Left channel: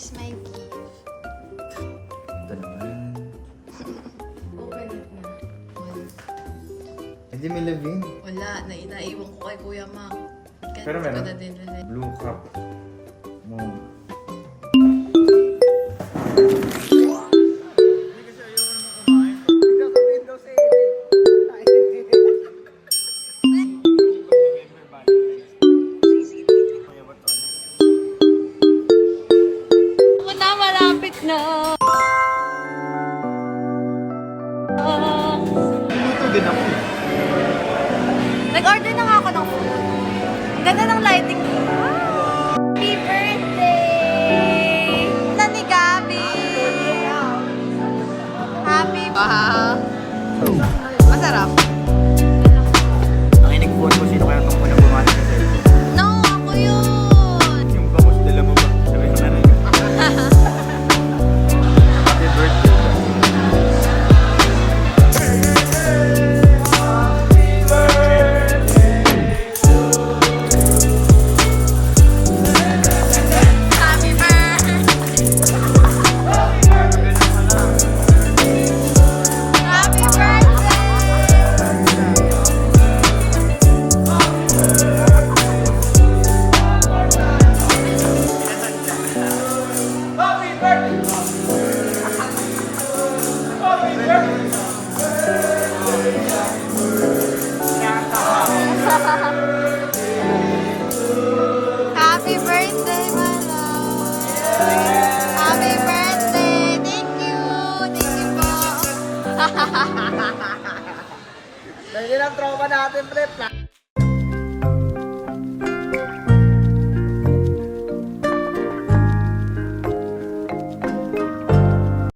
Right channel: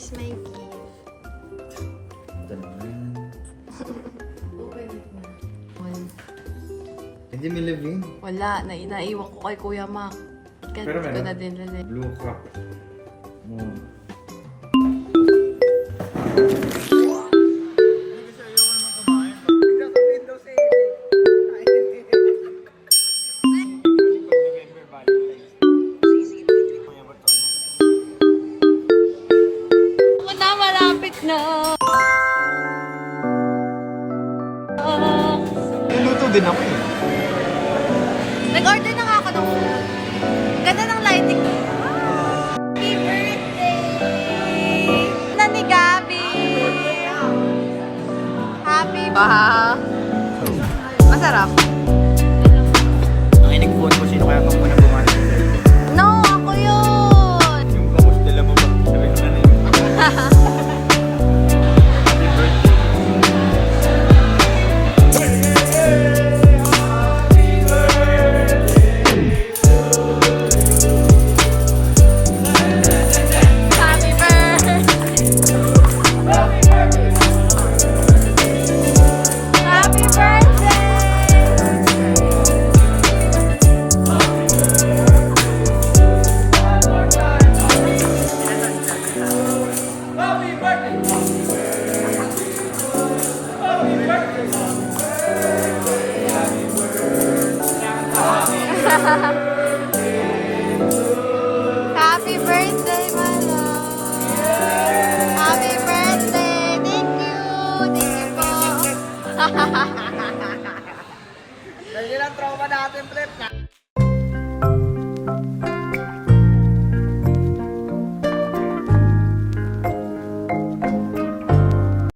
Here's my gift. Ito naman. Open it na. Hindi may labing. Wala, naiwan ko kay Kuya Mac. Kaya Pero hindi ko meron. na din rin. Blue cup. Mo. Ako na, malapit na. Ito din ako eh. Nag-order na nga ako ng food. Ang ganda ng lighting. Happy birthday! Na ni Gabi! Happy ba? Masarap. Ang inig-phone ko, sino kaya kung unang bumati sa cellphone? No, ako yun! Yung bangus, dala mo ba? Sabi ko na rin. Happy birthday. Happy birthday! Happy birthday! Happy birthday, my love! Happy birthday! Thank you! Thank you po! Yan ang tropa natin, Prep.